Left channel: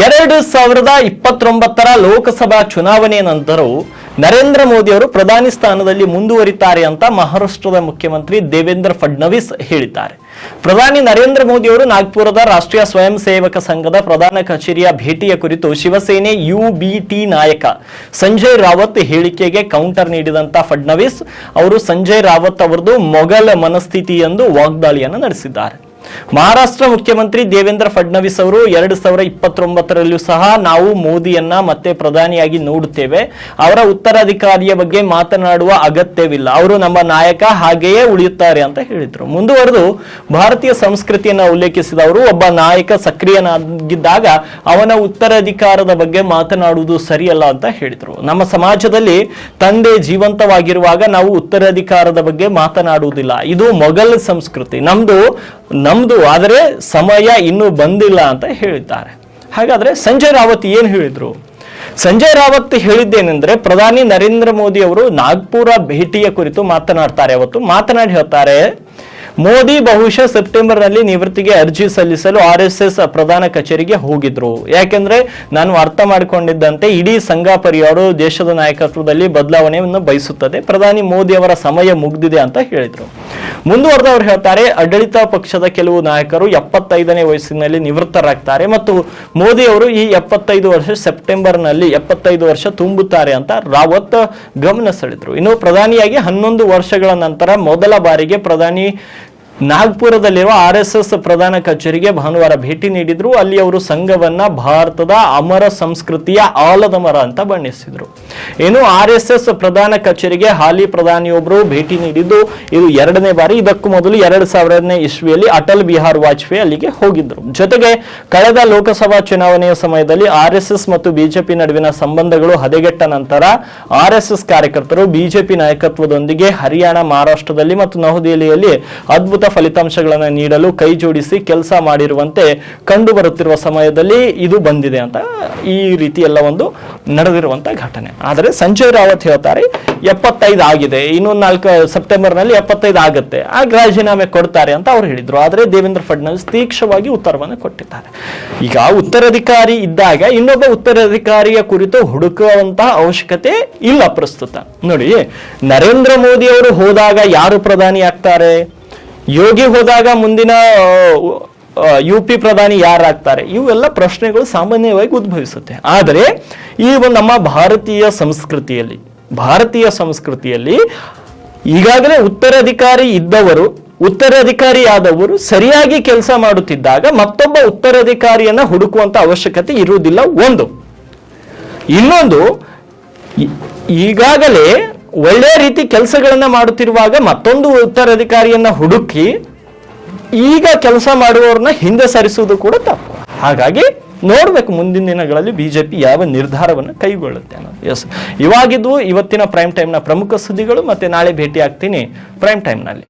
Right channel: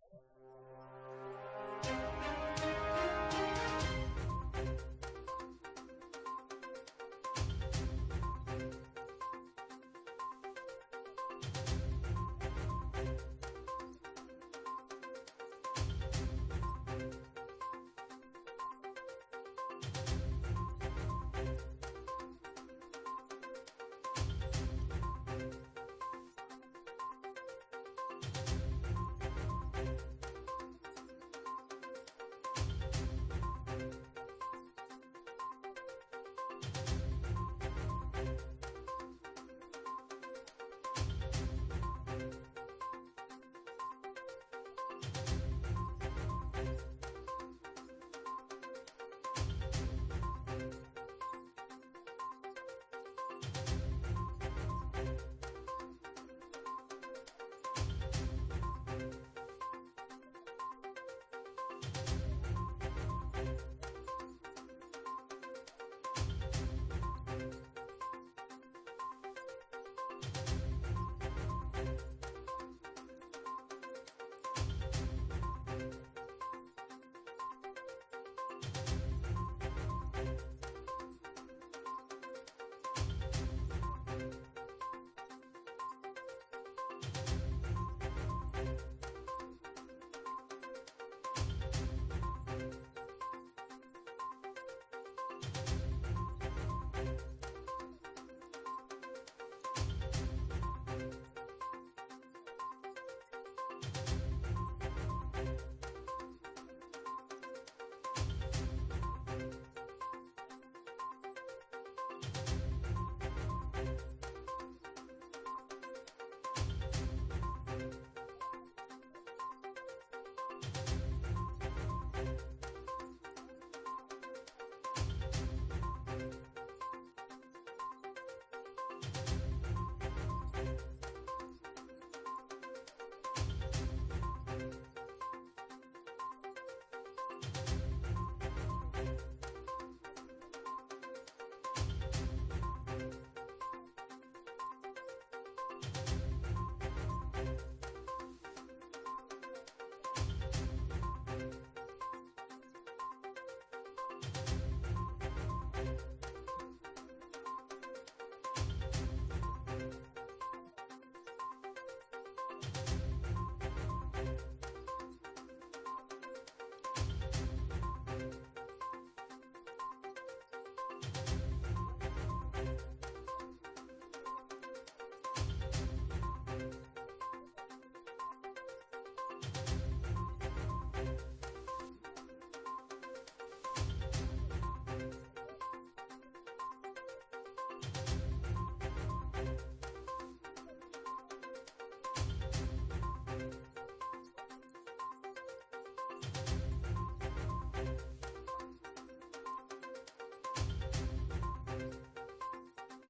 ಎರಡು ಸಾವಿರದ ಇಪ್ಪತ್ತೊಂಬತ್ತರ ಲೋಕಸಭಾ ಚುನಾವಣೆಯ ನಂತರವೂ ನರೇಂದ್ರ ಮೋದಿ ಅವರು ಪ್ರಧಾನಿ ಸ್ಥಾನದಲ್ಲಿ ಮುಂದುವರಿತಾರೆ ಅಂತ ಮಹಾರಾಷ್ಟ್ರದ ಮುಖ್ಯಮಂತ್ರಿ ದೇವೇಂದ್ರ ಫಡ್ನವೀಸ್ ಹೇಳಿದ್ದಾರೆ. ಪ್ರಧಾನಿ ನರೇಂದ್ರ ಮೋದಿ ಅವರು ನಾಗ್ಪುರದ ರಾಷ್ಟ್ರೀಯ ಸ್ವಯಂ ಸೇವಕ ಸಂಘದ ಪ್ರಧಾನ ಕಚೇರಿಯ ಭೇಟಿಯ ಕುರಿತು ಶಿವಸೇನೆ ಯುಬಿಟಿ ನಾಯಕ ಸಂಜಯ್ ರಾವತ್ ಹೇಳಿಕೆಗೆ ಕೌಂಟರ್ ನೀಡಿದಂತ ಫಡ್ನವೀಸ್ ಅವರು ಸಂಜಯ್ ರಾವತ್ ಅವರದು ಮೊಘಲ್ ಮನಸ್ಥಿತಿ ಎಂದು ವಾಗ್ದಾಳಿಯನ್ನು ನಡೆಸಿದ್ದಾರೆ. ಮಹಾರಾಷ್ಟ್ರ ಮುಖ್ಯಮಂತ್ರಿ ದೇವೇಂದ್ರ ಫಡ್ನವೀಸ್ ಅವರು ಎರಡು ಸಾವಿರ ಇಪ್ಪತ್ತೊಂಬತ್ತರಲ್ಲೂ ಸಹ ನಾವು ಮೋದಿಯನ್ನ ಮತ್ತೆ ಪ್ರಧಾನಿಯಾಗಿ ನೋಡುತ್ತೇವೆ. ಅವರ ಉತ್ತರಾಧಿಕಾರಿಯ ಬಗ್ಗೆ ಮಾತನಾಡುವ ಅಗತ್ಯವಿಲ್ಲ. ಅವರು ನಮ್ಮ ನಾಯಕ ಹಾಗೆಯೇ ಉಳಿಯುತ್ತಾರೆ ಅಂತ ಹೇಳಿದ್ರು. ಮುಂದುವರೆದು ಭಾರತೀಯ ಸಂಸ್ಕೃತಿಯನ್ನ ಉಲ್ಲೇಖಿಸಿದ ಅವರು, ಒಬ್ಬ ನಾಯಕ ಸಕ್ರಿಯನಾಗಿದ್ದಾಗ ಅವನ ಉತ್ತರಾಧಿಕಾರದ ಬಗ್ಗೆ ಮಾತನಾಡುವುದು ಸರಿಯಲ್ಲ ಅಂತ ಹೇಳಿದ್ರು. ನಮ್ಮ ಸಮಾಜದಲ್ಲಿ ತಂದೆ ಜೀವಂತವಾಗಿರುವಾಗ ನಾವು ಉತ್ತರಾಧಿಕಾರದ ಬಗ್ಗೆ ಮಾತನಾಡುವುದಿಲ್ಲ. ಇದು ಮೊಘಲ್ ಸಂಸ್ಕೃತಿ. ನಮ್ದು ನಮ್ದು ಆದರೆ ಸಮಯ ಇನ್ನೂ ಬಂದಿಲ್ಲ ಅಂತ ಹೇಳಿದ್ದಾರೆ. ಹಾಗಾದ್ರೆ ಸಂಜಯ್ ರಾವತ್ ಏನು ಹೇಳಿದ್ರು? ಸಂಜಯ್ ರಾವತ್ ಹೇಳಿದ್ದೇನೆಂದ್ರೆ ಪ್ರಧಾನಿ ನರೇಂದ್ರ ಮೋದಿ ಅವರು ನಾಗ್ಪುರ ಭೇಟಿಯ ಕುರಿತು ಮಾತನಾಡ್ತಾರೆ ಅವತ್ತು. ಮಾತನಾಡಿ ಹೇಳ್ತಾರೆ, ಮೋದಿ ಬಹುಶಃ ಸೆಪ್ಟೆಂಬರ್ನಲ್ಲಿ ನಿವೃತ್ತಿಗೆ ಅರ್ಜಿ ಸಲ್ಲಿಸಲು ಆರ್ ಎಸ್ ಎಸ್ ಪ್ರಧಾನ ಕಚೇರಿಗೆ ಹೋಗಿದ್ರು. ಯಾಕೆಂದ್ರೆ ನಾನು ಅರ್ಥ ಮಾಡಿಕೊಂಡಿದ್ದಂತೆ ಇಡೀ ಸಂಘ ದೇಶದ ನಾಯಕತ್ವದಲ್ಲಿ ಬದಲಾವಣೆಯನ್ನು ಬಯಸುತ್ತದೆ. ಪ್ರಧಾನಿ ಮೋದಿ ಅವರ ಸಮಯ ಮುಗಿದಿದೆ ಅಂತ ಹೇಳಿದ್ರು. ಮುಂದುವರೆದು ಅವರು ಹೇಳ್ತಾರೆ, ಆಡಳಿತ ಪಕ್ಷದ ಕೆಲವು ನಾಯಕರು ಎಪ್ಪತ್ತೈದನೇ ವಯಸ್ಸಿನಲ್ಲಿ ನಿವೃತ್ತರಾಗ್ತಾರೆ ಮತ್ತು ಮೋದಿ ಅವರು ಈ ಎಪ್ಪತ್ತೈದು ವರ್ಷ ಸೆಪ್ಟೆಂಬರ್ನಲ್ಲಿ ಎಪ್ಪತ್ತೈದು ವರ್ಷ ತುಂಬುತ್ತಾರೆ ಅಂತ ರಾವತ್ ಗಮನ ಸೆಳೆದ್ರು. ಇನ್ನು ಪ್ರಧಾನಿಯಾಗಿ ಹನ್ನೊಂದು ವರ್ಷಗಳ ನಂತರ ಮೊದಲ ಬಾರಿಗೆ ಪ್ರಧಾನಿ ನಾಗ್ಪುರದಲ್ಲಿರುವ ಆರ್ ಎಸ್ ಎಸ್ ಪ್ರಧಾನ ಕಚೇರಿಗೆ ಭಾನುವಾರ ಭೇಟಿ ನೀಡಿದ್ರು. ಅಲ್ಲಿ ಅವರು ಸಂಘವನ್ನ ಭಾರತದ ಅಮರ ಸಂಸ್ಕೃತಿಯ ಆಲದ ಮರ ಅಂತ ಬಣ್ಣಿಸಿದ್ರು. ಇನ್ನು ಆರ್ ಎಸ್ ಎಸ್ ಪ್ರಧಾನ ಕಚೇರಿಗೆ ಹಾಲಿ ಪ್ರಧಾನಿಯೊಬ್ಬರು ಭೇಟಿ ನೀಡಿದ್ದು. ಇದು ಎರಡನೇ ಬಾರಿ. ಇದಕ್ಕೂ ಮೊದಲು ಎರಡ್ ಸಾವಿರನೇ ಇಸ್ವಿಯಲ್ಲಿ ಅಟಲ್ ಬಿಹಾರ್ ವಾಜಪೇಯಿ ಅಲ್ಲಿಗೆ ಹೋಗಿದ್ರು. ಜೊತೆಗೆ ಕಳೆದ ಲೋಕಸಭಾ ಚುನಾವಣೆಯ ಸಮಯದಲ್ಲಿ ಆರ್ ಮತ್ತು ಬಿಜೆಪಿ ನಡುವಿನ ಸಂಬಂಧಗಳು ಹದಗೆಟ್ಟ ನಂತರ ಆರ್ ಕಾರ್ಯಕರ್ತರು ಬಿಜೆಪಿ ನಾಯಕತ್ವದೊಂದಿಗೆ ಹರಿಯಾಣ, ಮಹಾರಾಷ್ಟ್ರದಲ್ಲಿ ಮತ್ತು ನವದೆಹಲಿಯಲ್ಲಿ ಅದ್ಭುತ ಫಲಿತಾಂಶಗಳನ್ನು ನೀಡಲು ಕೈ ಜೋಡಿಸಿ ಕೆಲಸ ಮಾಡಿರುವಂತೆ ಕಂಡು ಬರುತ್ತಿರುವ ಸಮಯದಲ್ಲಿ ಇದು ಬಂದಿದೆ ಅಂತ ಈ ರೀತಿ ಎಲ್ಲ ಒಂದು ನಡೆದಿರುವಂತ ಘಟನೆ. ಆದರೆ ಸಂಜಯ್ ರಾವತ್ ಹೇಳ್ತಾರೆ, ಎಪ್ಪತ್ತೈದು ಆಗಿದೆ ಇನ್ನೊಂದು ನಾಲ್ಕು ಸೆಪ್ಟೆಂಬರ್ನಲ್ಲಿ ಎಪ್ಪತ್ತೈದು ಆಗುತ್ತೆ, ಆಗ ರಾಜೀನಾಮೆ ಕೊಡ್ತಾರೆ ಅಂತ ಅವ್ರು ಹೇಳಿದ್ರು. ಆದರೆ ದೇವೇಂದ್ರ ಫಡ್ನವೀಸ್ ತೀಕ್ಷವಾಗಿ ಉತ್ತರವನ್ನು ಕೊಟ್ಟಿದ್ದಾರೆ. ಈಗ ಉತ್ತರಾಧಿಕಾರಿ ಇದ್ದಾಗ ಇನ್ನೊಬ್ಬ ಉತ್ತರಾಧಿಕಾರಿಯ ಕುರಿತು ಹುಡುಕುವಂತಹ ಅವಶ್ಯಕತೆ ಇಲ್ಲ ಪ್ರಸ್ತುತ. ನೋಡಿ, ನರೇಂದ್ರ ಮೋದಿ ಅವರು ಹೋದಾಗ ಯಾರು ಪ್ರಧಾನಿ ಆಗ್ತಾರೆ? ಯೋಗಿ ಹೋದಾಗ ಮುಂದಿನ ಯು ಪಿ ಪ್ರಧಾನಿ ಯಾರಾಗ್ತಾರೆ? ಇವೆಲ್ಲ ಪ್ರಶ್ನೆಗಳು ಸಾಮಾನ್ಯವಾಗಿ ಉದ್ಭವಿಸುತ್ತೆ. ಆದರೆ, ಈ ಒಂದು ನಮ್ಮ ಭಾರತೀಯ ಸಂಸ್ಕೃತಿಯಲ್ಲಿ ಭಾರತೀಯ ಸಂಸ್ಕೃತಿಯಲ್ಲಿ ಈಗಾಗಲೇ ಉತ್ತರಾಧಿಕಾರಿ ಇದ್ದವರು ಉತ್ತರಾಧಿಕಾರಿಯಾದವರು ಸರಿಯಾಗಿ ಕೆಲಸ ಮಾಡುತ್ತಿದ್ದಾಗ ಮತ್ತೊಬ್ಬ ಉತ್ತರಾಧಿಕಾರಿಯನ್ನ ಹುಡುಕುವಂತ ಅವಶ್ಯಕತೆ ಇರುವುದಿಲ್ಲ. ಒಂದು. ಇನ್ನೊಂದು ಈಗಾಗಲೇ ಒಳ್ಳೆ ರೀತಿ ಕೆಲಸಗಳನ್ನು ಮಾಡುತ್ತಿರುವಾಗ ಮತ್ತೊಂದು ಉತ್ತರಾಧಿಕಾರಿಯನ್ನ ಹುಡುಕಿ ಈಗ ಕೆಲಸ ಮಾಡುವವ್ರನ್ನ ಹಿಂದೆ ಸರಿಸುವುದು ಕೂಡ ತಪ್ಪು. ಹಾಗಾಗಿ ನೋಡ್ಬೇಕು ಮುಂದಿನ ದಿನಗಳಲ್ಲಿ ಬಿಜೆಪಿ ಯಾವ ನಿರ್ಧಾರವನ್ನು ಕೈಗೊಳ್ಳುತ್ತೆ ಅನ್ನೋದು. ಎಸ್ ಇವಾಗಿದ್ದು ಇವತ್ತಿನ ಪ್ರೈಮ್ ಟೈಮ್ನ ಪ್ರಮುಖ ಸುದ್ದಿಗಳು ಮತ್ತೆ ನಾಳೆ ಭೇಟಿ ಆಗ್ತೀನಿ ಪ್ರೈಮ್ ಟೈಮ್ನಲ್ಲಿ